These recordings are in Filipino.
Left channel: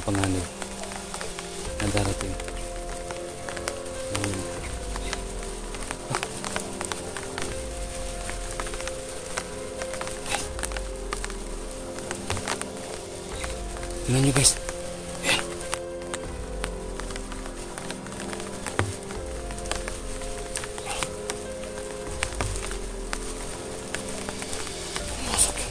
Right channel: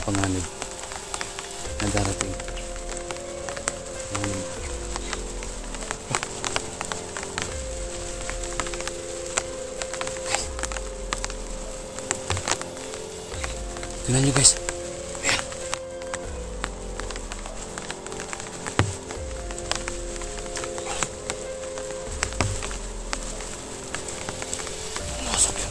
ng panganib na darating. Tingnan nyo guys. Ayan. Masok yun. Masok yun.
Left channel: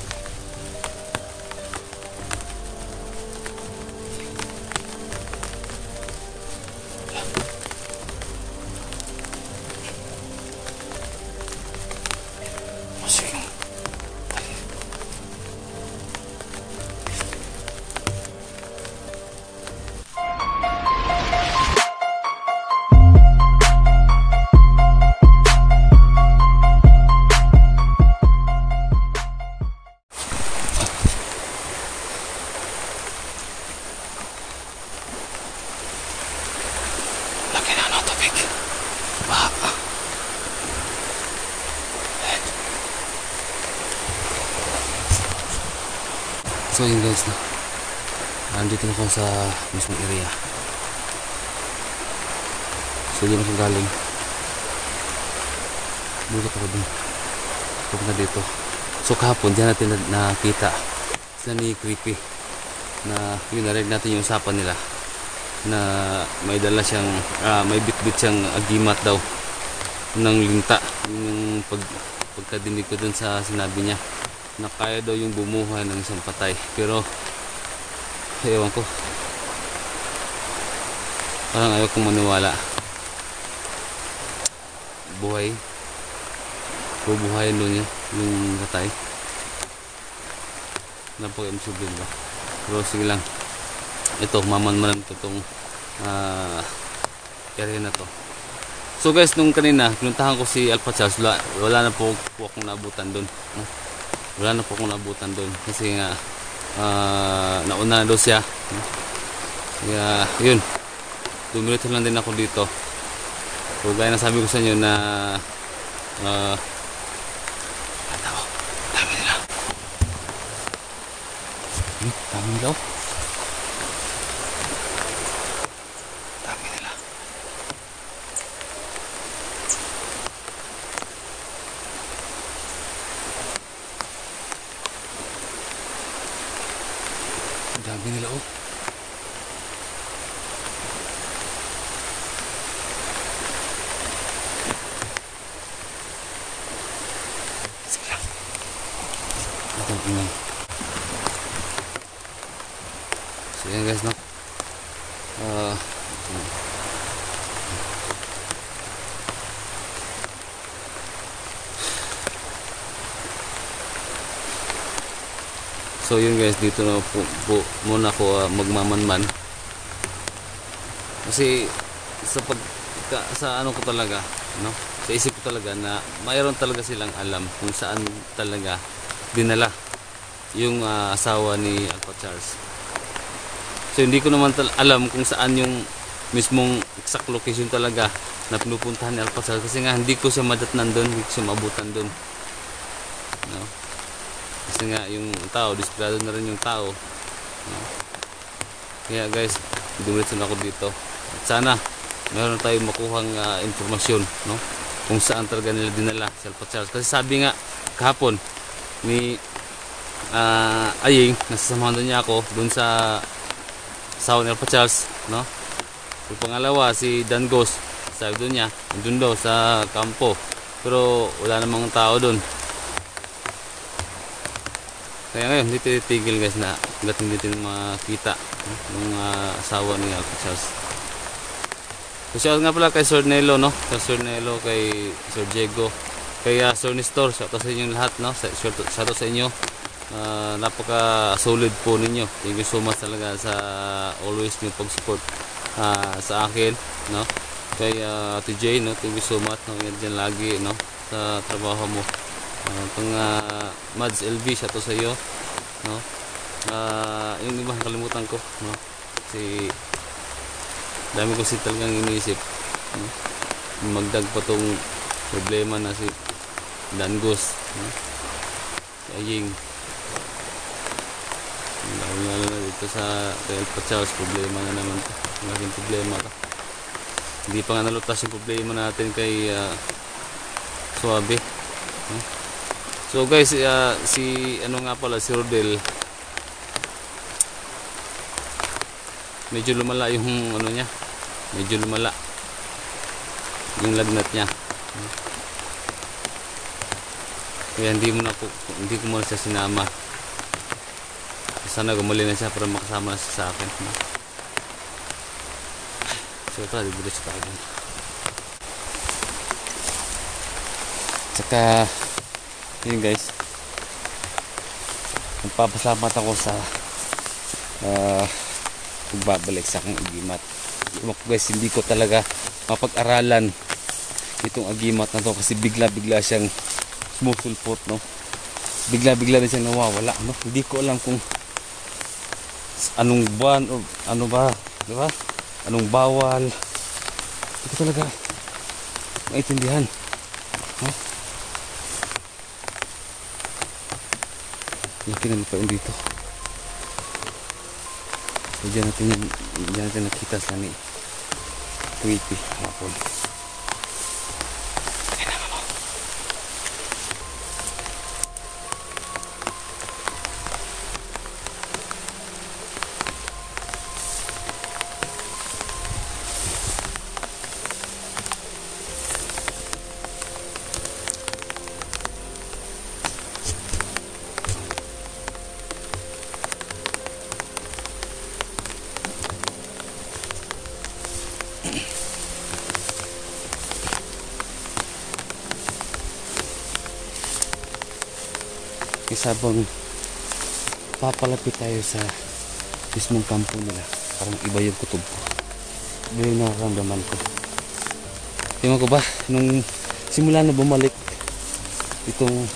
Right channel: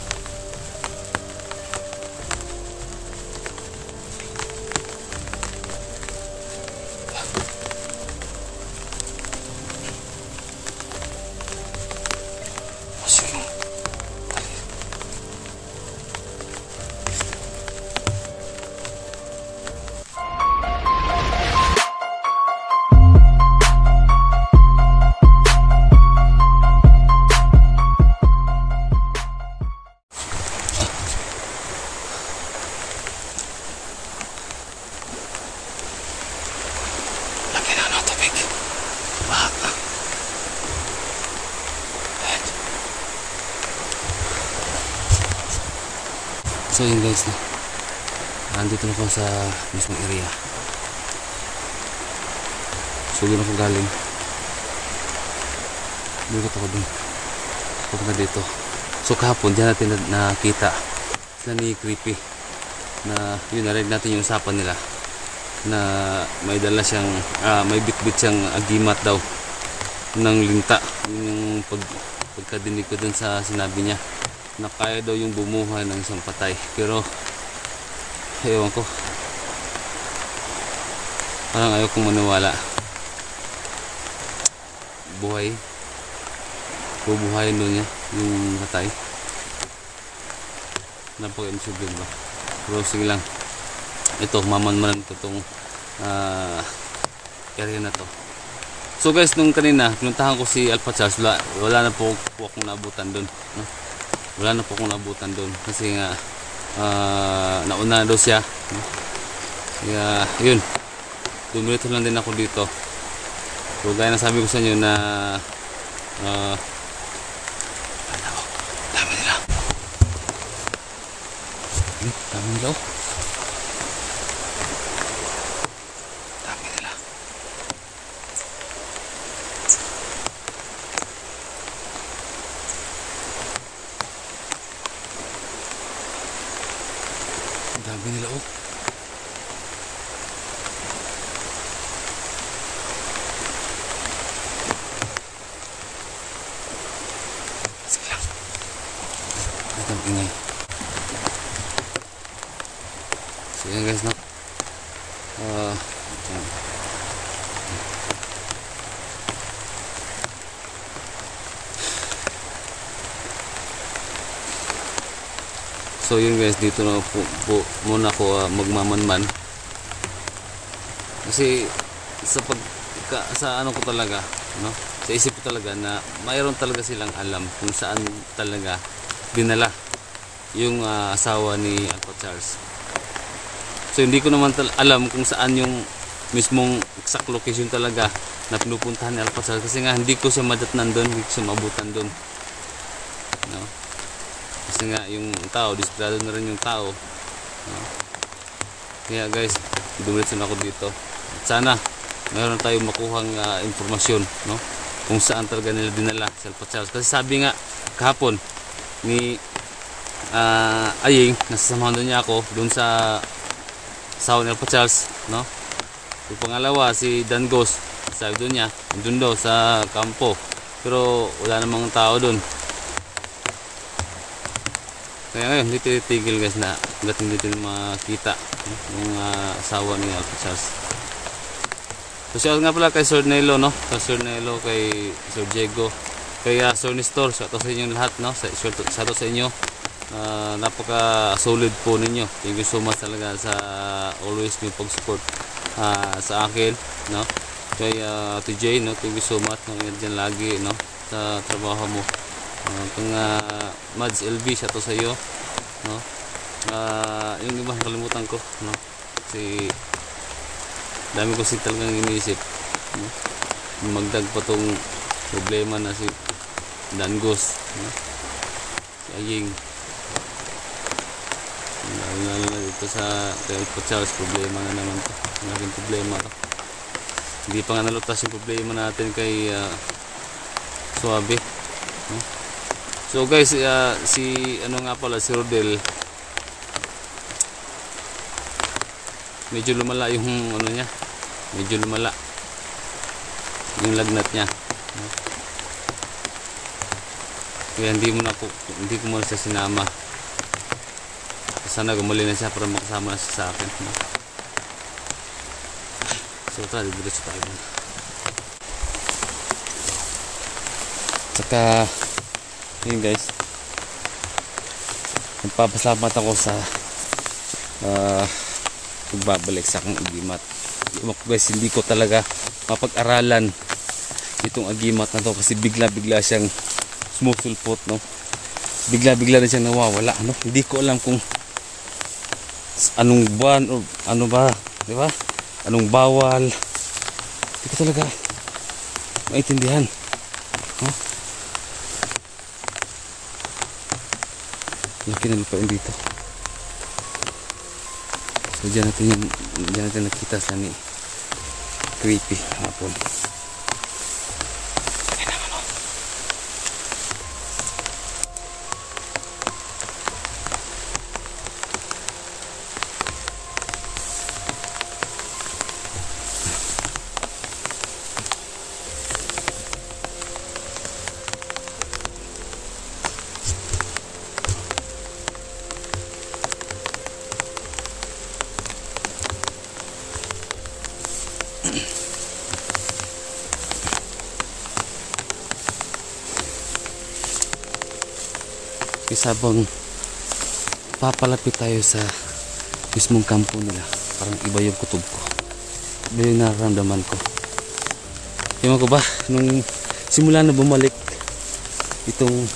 Laki na ng tubig. Baha. So yun guys, no? Andito na ako sa mismong area. So doon ako galing. Dito ako dun. Pupunta dito. So kahapon, diyan natin nakita sila ni Creepy. Na yun, narinig natin yung usapan nila. Na may dala siyang may bitbit siyang agimat daw ng linta. Yun yung pagkadinig ko dun sa sinabi niya na kaya daw yung bumuhay ng isang patay, pero ewan ko, parang ayaw kong maniwala. Bubuhayin doon niya yung patay. Napaka-imposible ba? Pero sige lang, ito mamanmanan ko tong area na to. So guys, nung kanina pinuntahan ko si Alpha Charles, wala na po akong naabutan doon, no? Wala na po akong naabutan doon kasi nga nauna daw siya, no? Kaya yun, dumiretso lang din ako dito. So gaya na sabi ko sa inyo na dami nila. Dami nila, oh. Dami nila, oh. Sige lang. Ito ang ingay. So yan guys, no? So yun guys, dito na po muna ako magmamanman. Kasi sa ano ko talaga, no? Sa isip ko talaga na mayroon talaga silang alam kung saan talaga dinala yung asawa ni Alpha Charles. So hindi ko naman alam kung saan yung mismong exact location talaga na pinupuntahan ni Alpha Charles, kasi nga hindi ko siya madatnan doon, hindi ko siya mabutan doon, no? Kasi nga yung tao, disgrado na rin yung tao, no? Kaya guys, dumiretso na ako dito. At sana meron tayong makuhang informasyon, no? Kung saan talaga nila dinala si Alpha Charles. Kasi sabi nga kahapon ni Aying, nasasamahan doon niya ako doon sa asawa ni Alpha Charles, no? So pangalawa si Dangos, sabi doon niya doon daw sa kampo, pero wala namang tao doon. Kaya ngayon, hindi titigil guys na hanggat hindi natin makita, no? Yung asawa ni Alpha Charles. So shout nga pala kay Sir Nelo, no? Kay Sir Nelo, kay Sir Diego, kay Sir Nestor, shout out sa inyo lahat, no? Shout out sa inyo. Napaka solid po ninyo. Thank you so much talaga sa always yung pag-support sa akin, no? Kay TJ, no? Thank you so much, no? Ingat dyan lagi, no? Sa trabaho mo. Kung Mads LV, siya to sa iyo, no? Yung iba nakalimutan ko, no? Kasi dami ko talagang iniisip, no? Magdag pa tong problema na si Dangos, no? Si Aying, Lalo na dito sa kay Alpachaos, problema na naman to. Malaking problema to. Hindi pa nga nalutas yung problema natin kay Suabe, no? So guys, si ano nga pala, si Rodel, medyo lumala yung ano niya, medyo lumala yung lagnat niya, no? Kaya hindi ko muna siya sinama. Sana gumuli na siya para makasama na siya sa akin, no? So tara, diretso tayo na. Saka yun guys, nagpapasalamat ako sa pagbabalik sa aking agimat. Guys, hindi ko talaga mapag-aralan itong agimat na to kasi bigla-bigla siyang sumusulpot, no? Bigla-bigla na siyang nawawala, no? Hindi ko alam kung anong buwan o ano ba, di ba? Anong bawal. Hindi ko talaga maintindihan, ha? Laki na lupain dito. So dyan natin nakita sa ni creepy hapon. Sabang papalapit tayo sa mismong kampo nila, parang iba yung kutob ko, iba yung nararamdaman ko. Ewan ko ba, nung simula na bumalik itong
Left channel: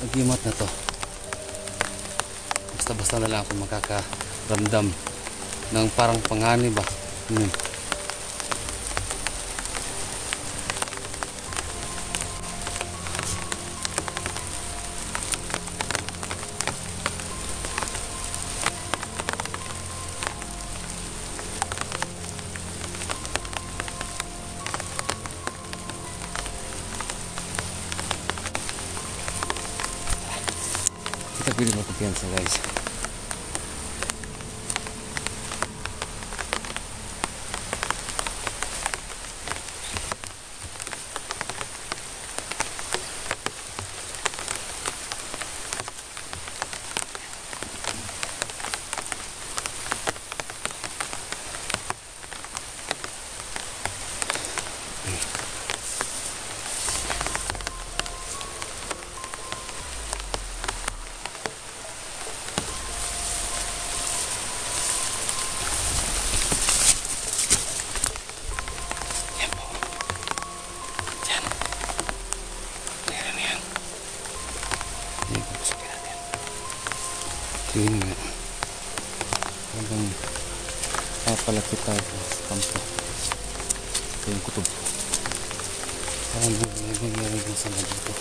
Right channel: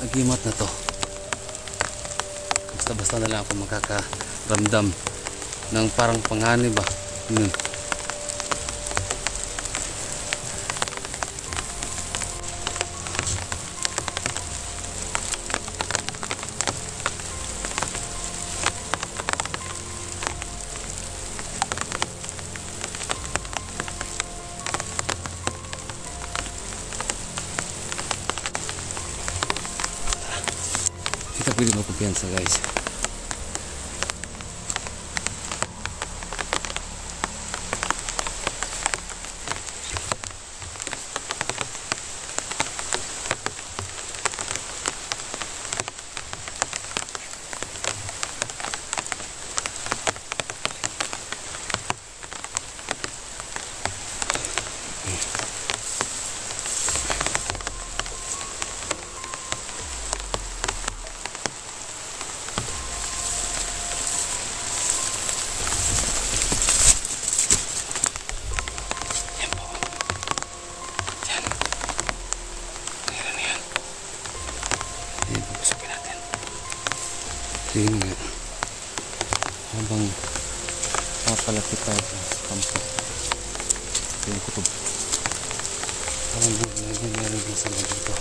agimat na to, basta-basta na lang ako makakaramdam ng parang panganib ba. Kita pwede magkumpiyansa guys. Yun nga, habang papalapit tayo sa kampo, ito yung kutob, parang meron yung sama dito.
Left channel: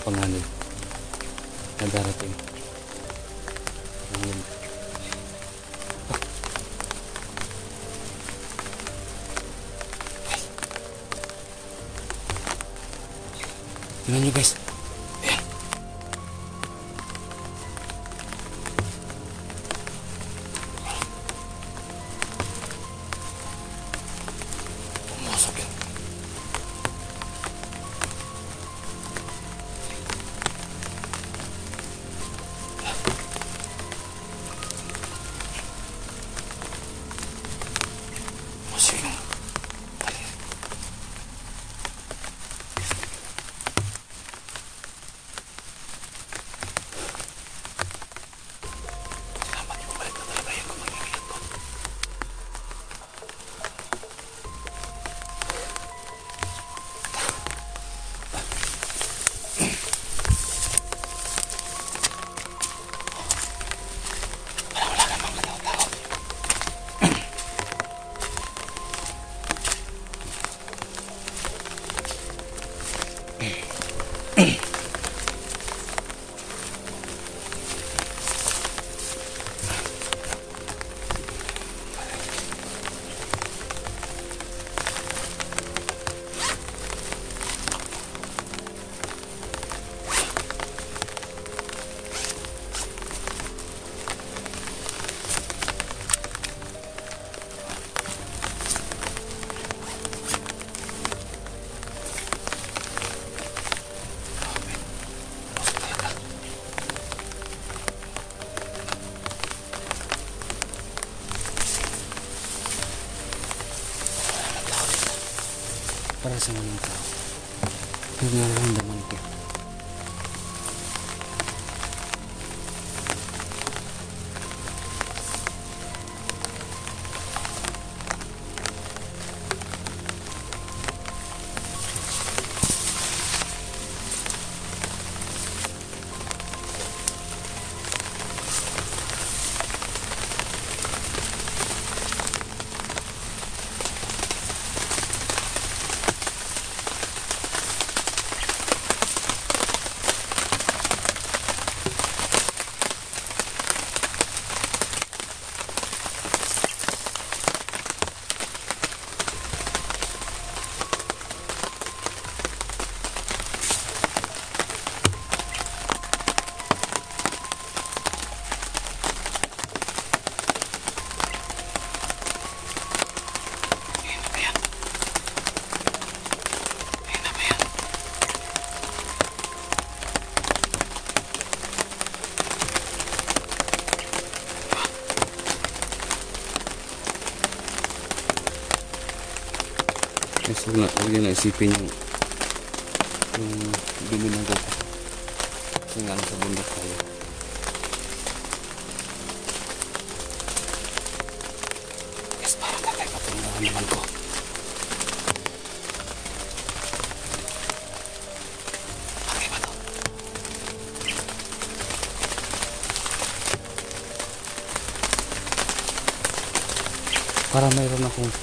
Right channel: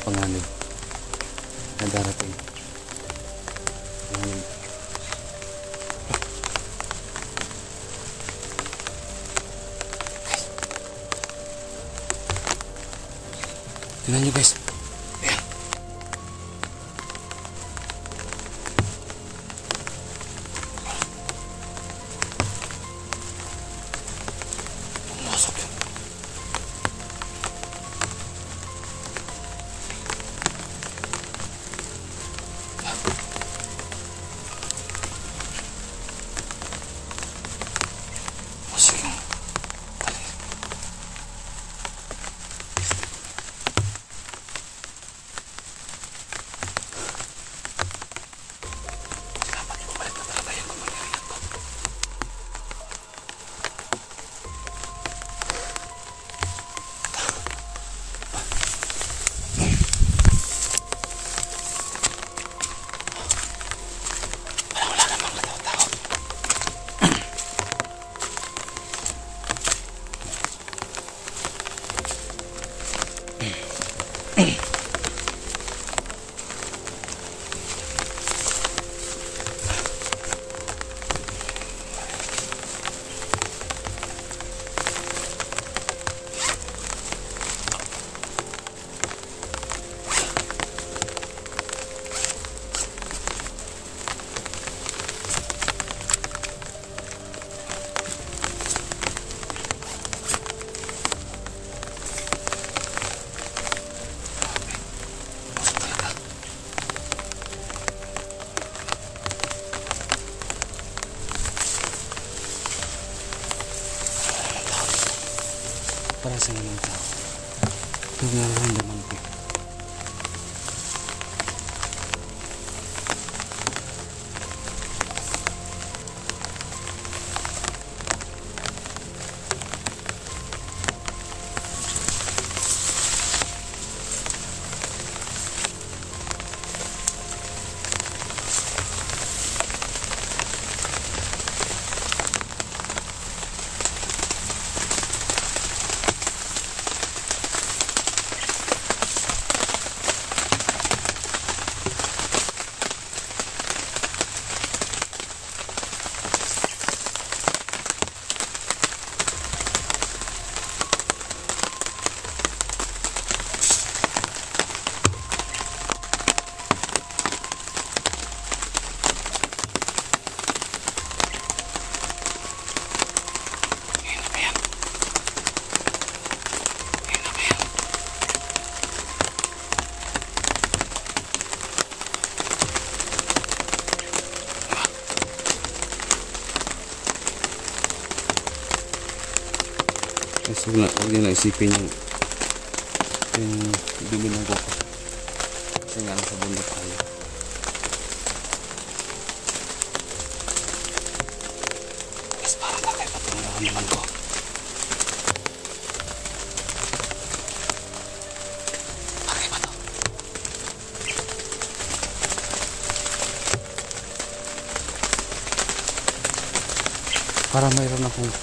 yung panganib na darating. Panganib. Tingnan nyo guys. Ayan. Pumasok yun. Pumasok yun. Para sa mga tao. Ito nga lang naman ko. Kasi huwag nyo na isipin yung dumi ng koko. Kasi nga nasa bundok tayo. Guys, parang na kayo patulungan naman ko. Bagay ba to? Para mayroon akong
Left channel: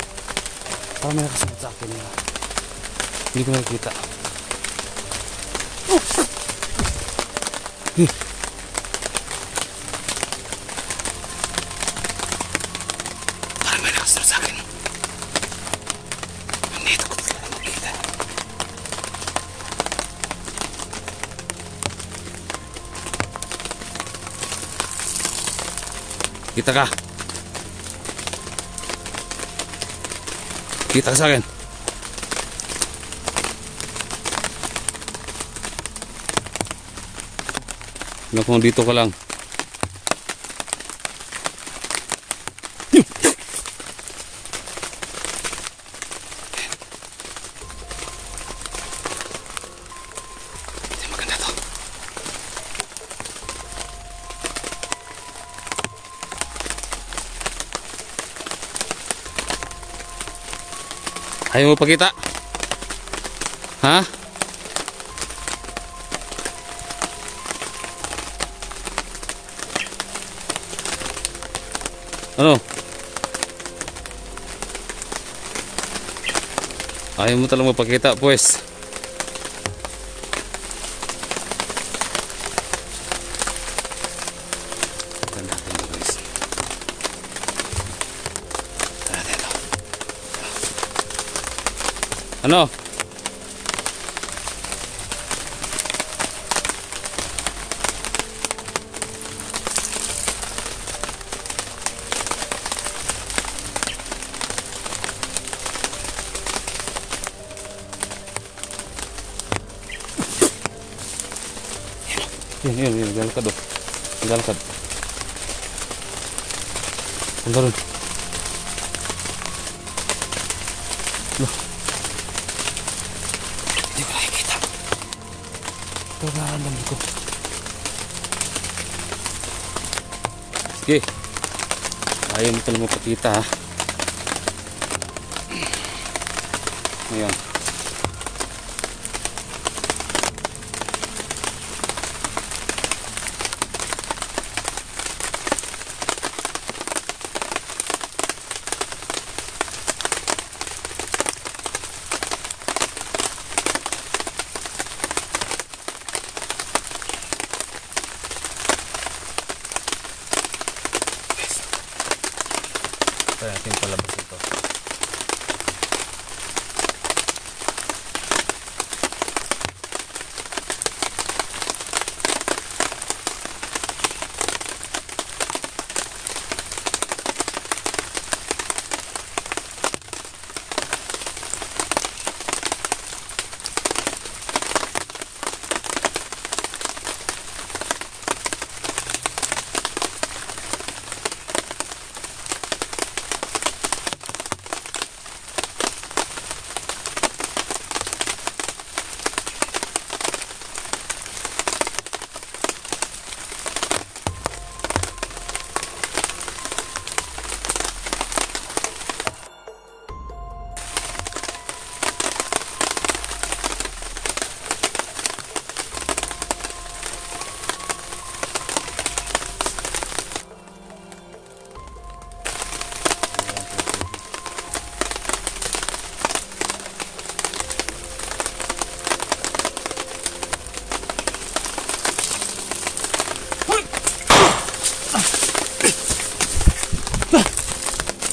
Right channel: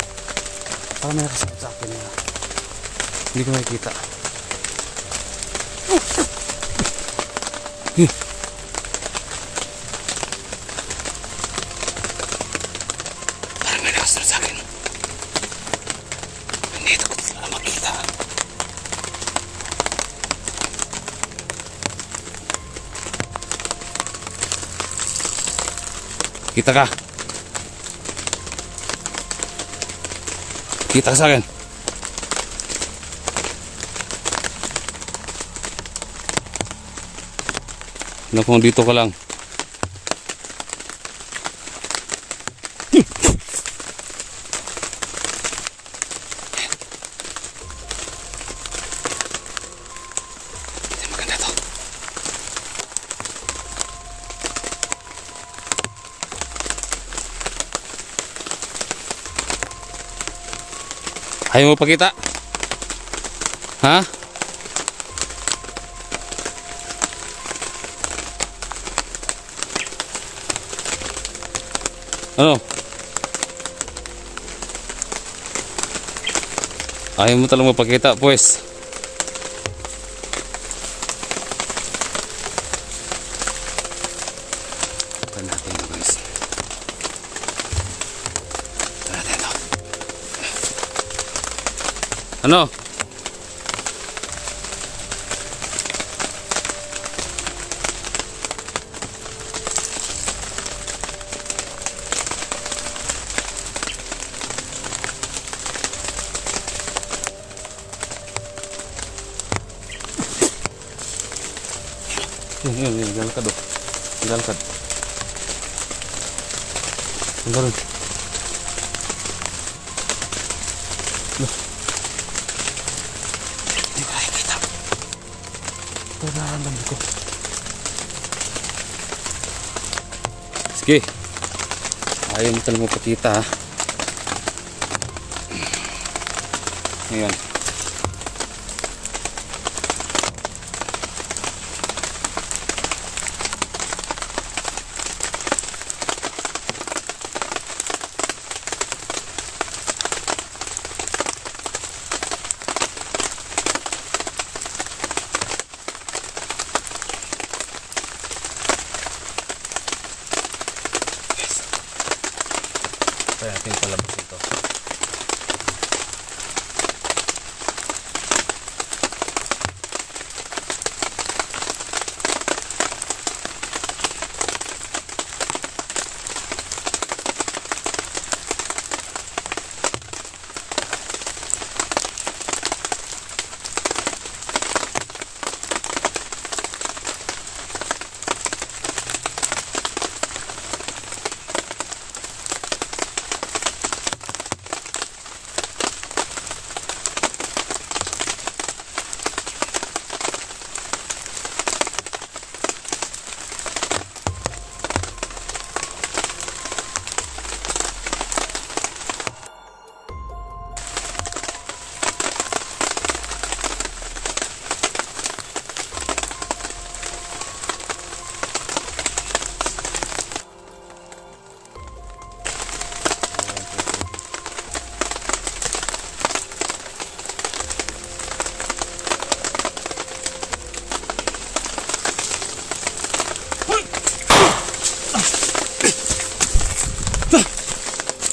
may nakasagot sa akin na hindi ko nakikita. Parang may nakasagot sa akin. Hindi ko na makita. Kita ka? Kita ka sa akin. Alam kung dito ka lang. Maganda to. Ayaw mo pakita? Ha? Ano? Ayaw mo talagang mapakita, pues. Ano? Yun, galakad oh. Galakad. Punta rin. Loh. Hindi ko nakikita. Pero nararamdaman ko. Sige. Ayaw mo talagang magpakita ha. Ayan. Kaya natin palabas ito.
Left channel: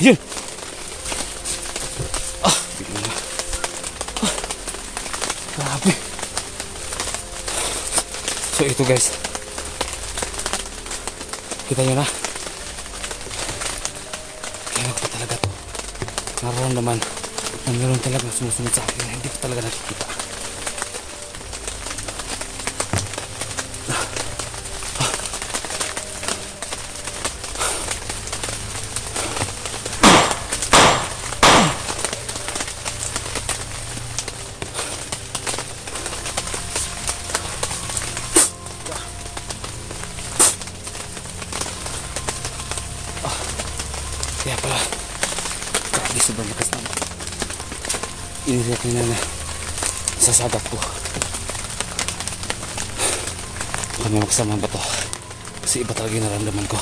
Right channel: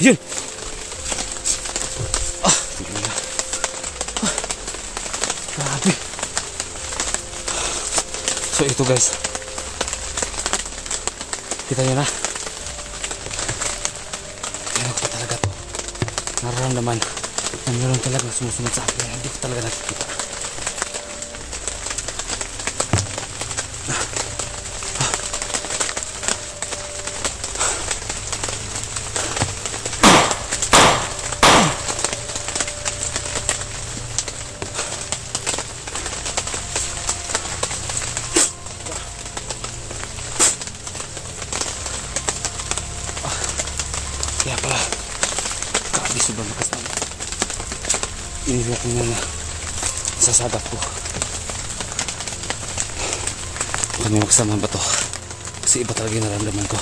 Yan. Tignan mo. Grabe. So ito guys. Kita nyo na. Kaya ko pa talaga to. Nararamdaman na meron talaga sumusunod sa akin. Hindi ko talaga nakikita. Kaya pala, grabe sobrang lakas naman. Iniyak niya na sa sagap ko. Huwag niya magsama ba to? Kasi iba talaga yung naramdaman ko.